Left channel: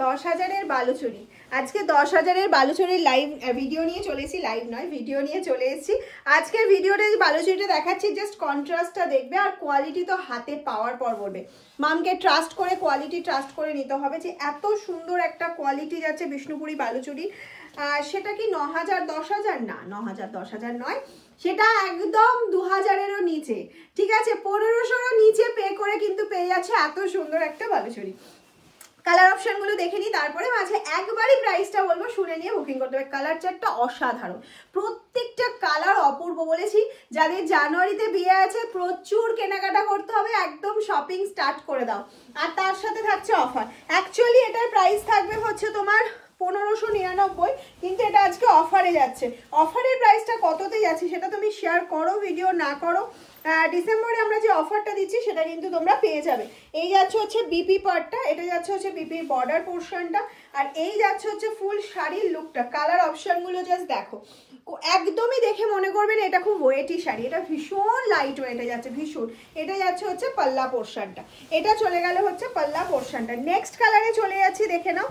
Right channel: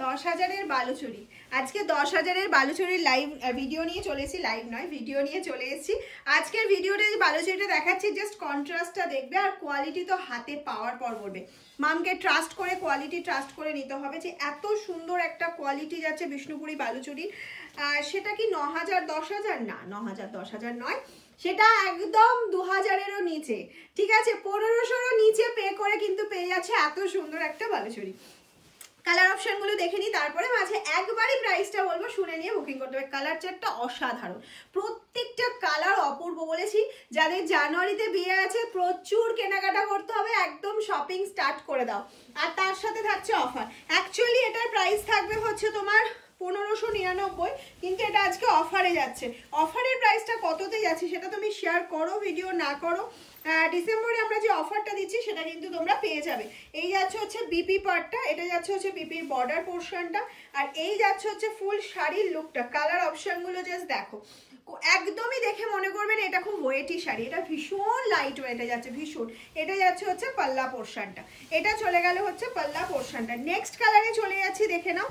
10,000-এর বালুচুরি। আজকে 10,000-এর বালুচুরির live video নিয়ে চলেছি, লাইভ নয় ভিডিও নিয়ে চলে এসেছি। আজকের ভিডিওটা যে বালুচুরিটা দেখাচ্ছি জাস্ট কন্ট্রাস্টটা দেখবে, আর কোয়ালিটি তো হাতে পাওয়ার পর বলবে। মামকে ট্রাস্ট করে, কোয়ালিটি ট্রাস্ট করে নিতে হবে যে এত সুন্দর একটা কোয়ালিটি যাচ্ছে বিষ্ণুপুরি বালুচুরি। সেটা কি 9,000 10,000? না, 9,000 10,000 নয়, সেটা একদম 2,000-এরও নিচে। ঠিক আছে, 1500-এরও নিচে পে করে কিন্তু পেয়ে যাচ্ছে এত সুন্দর একটা বালুচুরি। কালার অপশনগুলো দেখে নিই, তারপরে মাঝে একবারই প্রাইসটা বলবো, শুনে নিয়ে বুকিং করতে হবে। কালার চার্টটা অসাধারণ, প্রত্যেকটা কালার অপূর্ব। বলেছি যাদের জানুয়ারিতে বিয়ে আছে প্রচুর কেনাকাটা করতে হবে, একদম শপিং স্টার্ট করে দাও। আর তার সাথে থাকছে অফার। অ্যাকচুয়ালি এটার প্রাইস থাকবে হচ্ছে তোমার 1599, কিন্তু এটা আজকে অফারে যাচ্ছে। অফারের প্রাইসটা কততে যাচ্ছে সেটা তুমি শেয়ার করো, ভিডিও না করো। ডিসেম্বরে আমরা যে অফারটা দিচ্ছি সেটা কিন্তু তোমরা পেয়ে যাবে। এই যাচ্ছে হচ্ছে বিপি পার্টটা, এটা যাচ্ছে হচ্ছে বিপির বর্ডার পোর্শনটা, আর এই যাচ্ছে হচ্ছে ফুল শাড়ির লুকটা। কালার অপশনগুলো জাস্ট দেখো, একদমই দেখে মনে করবেন এটা খুব ওয়েটি শাড়ি। এটা ভীষণ লাইট ওয়েটে যাচ্ছে, ভীষণ। এটা যাচ্ছে হচ্ছে পাল্লা পোর্শনটা, এটা চলে গেল হচ্ছে পাল্লা পোর্শনটা। নেক্সট কালারে চলে যাচ্ছি, দেখে নাও।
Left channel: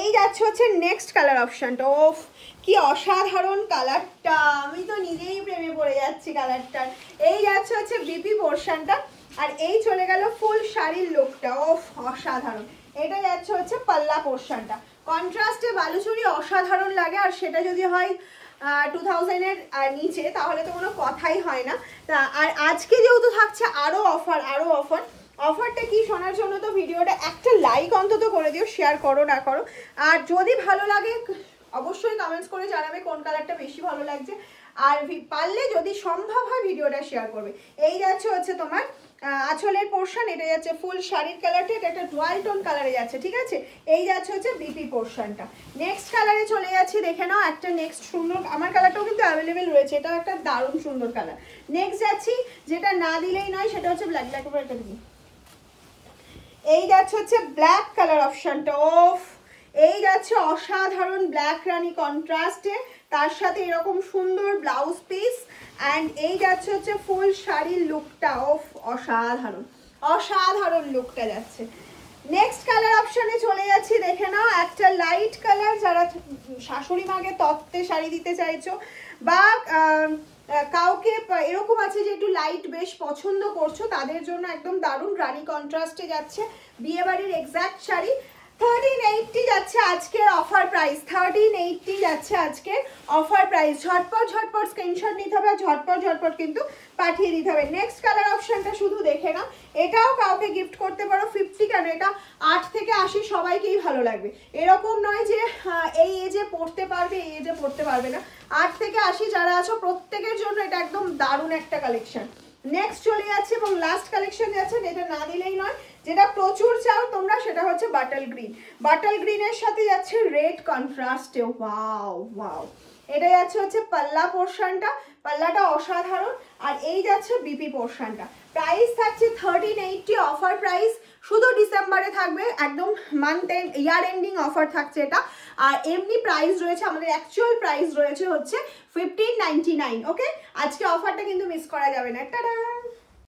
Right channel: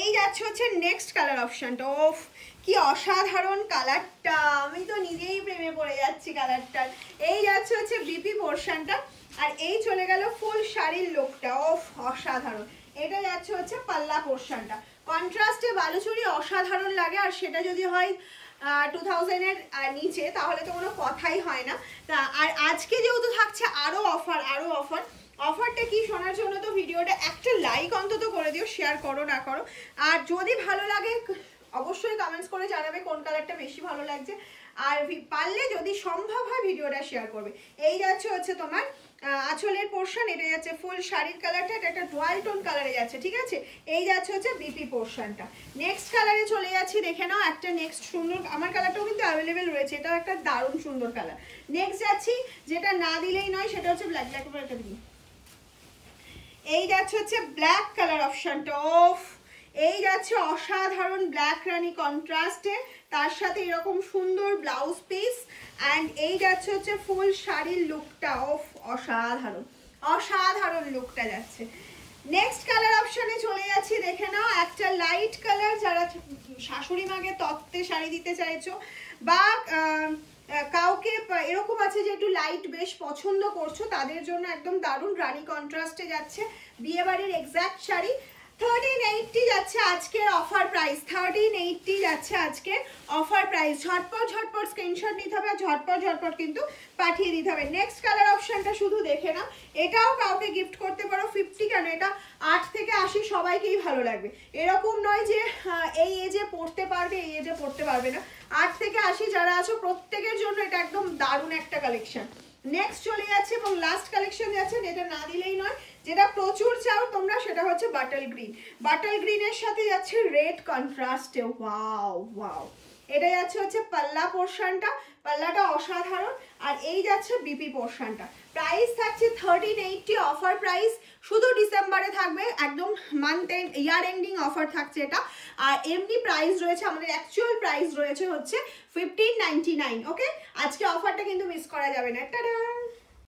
এই যাচ্ছে হচ্ছে নেক্সট কালার অপশনটা। ওফ কি অসাধারণ কালারটা, আমি তো নিজেই প্রেমে পড়ে যাচ্ছি কালারটার। এই যাচ্ছে হচ্ছে বিপি পোর্শনটা, আর এই চলে গেল ফুল শাড়ির লুকটা। ওফ অসাধারণ। এটা যাচ্ছে হচ্ছে পাল্লা পোর্শনটা। কন্ট্রাস্টে বালুচুরি অসাধারণ লাগে, আর সেটা যদি হয় 2000-এর নিচে তাহলে তো কোনো কথাই হয় না। তা আর আজকে যেহেতু থাকছে আরো অফার, আরো অফার। অফারটা কি শোনার জন্য তো ভিডিওটা একটা লাইক অন্তত করে দিও, শেয়ার করো না করো। আর যদি ভালো লাগে অবশ্যই কমেন্টস করে জানাবে কোন কালারটা বেশি ভালো লাগছে, আর পারলে যদি সম্ভব হয় ভিডিওটা শেয়ার করবে। এই যাচ্ছে হচ্ছে তোমার আঁচলের পোর্শন, এটা যাচ্ছে ফুল শাড়ির কালারটা, এটা একটা ডুয়াল টোন কালারে যাচ্ছে। ঠিক আছে, এই যাচ্ছে হচ্ছে বিপি পোর্শনটা। নেক্সট কালারে চলে যাচ্ছি, দেখে নাও একটা নেক্সট সুন্দর, আমার কালারটাও কিন্তু অ্যাভেলেবেল রয়েছে, এটা একটা দারুণ সুন্দর কালার। নেক্সট যাচ্ছি, যেটা না দিলেই নয়, সেটা হচ্ছে ব্ল্যাক। ব্ল্যাক উপর একটা দিই। এই যাচ্ছে হচ্ছে ব্ল্যাক কালার অপশনটা। ওফ এই যাচ্ছে অসাধারণ ব্ল্যাক রানী কন্ট্রাস্টে, তার সাথে এরকম সুন্দর ব্লাউজ পিস, অ্যান্ড এই যাচ্ছে হচ্ছে ফুল শাড়ির লুকটা। ওফ অসাধারণ, অসাধারণ লুকটা যাচ্ছে। নেক্সট কালার অপশনে চলে যাচ্ছি, দেখে নাও একটা লাইট কালার। যারা শাশুড়ি মাকে তত্ত্বে শাড়ি দিতে চাইছো, বা কাউকে এরকম আছে যে একটু লাইট বেশ পছন্দ করছো, তাদের জন্য একদম দারুণ রানী কন্ট্রাস্টে যাচ্ছে বিয়ে বাড়ির এক্সাক্ট শাড়ি। 1380 যাচ্ছে আজকের অফার প্রাইস, 1380 যাচ্ছে আজকের অফার প্রাইস। ঝটপট ঝটপট স্ক্রিনশট নিতে হবে, ঝটপট ঝটপট কিন্তু পাঠিয়ে দিতে হবে। নেক্সট কালার অপশনটা শুধু দেখে নাও, এটাও কাউকে গিফট করতে পারো। 50 কেন, এটা 8 থেকে 80 সবাইকেই ভালো লাগবে। এরকম নয় যে এই এজে পড়তে পারবে, এই এজে পড়তে পারবে না। 8 থেকে 80 যারা আছো প্রত্যেকের জন্য এটা একদম দারুণ একটা কালেকশন। নেক্সট চলে যাচ্ছে এবং লাস্ট কালেকশন যাচ্ছে, যেটা না দিলেই নয়, যেটা প্রচুর চাও তোমরা, সেটা হচ্ছে বাটল গ্রিন। বাটল গ্রিনের সাথে যাচ্ছে রেড কন্ট্রাস্টে। Wow wow. এটা যাচ্ছে হচ্ছে পাল্লা পোর্শনটা, পাল্লাটা অসাধারণ, আর এই যাচ্ছে বিপি পোর্শনটা। প্রাইস থাকছে 1380 অফার প্রাইস, শুধু ডিসেম্বরে থাকবে, একদম month end year ending offer থাকছে এটা। আর এমনি প্রাইস রয়েছে, আমাদের অ্যাকচুয়াল প্রাইস রয়েছে হচ্ছে 1599। ওকে, আজকে অফারটা কিন্তু মিস করা যাবে না। টাটা।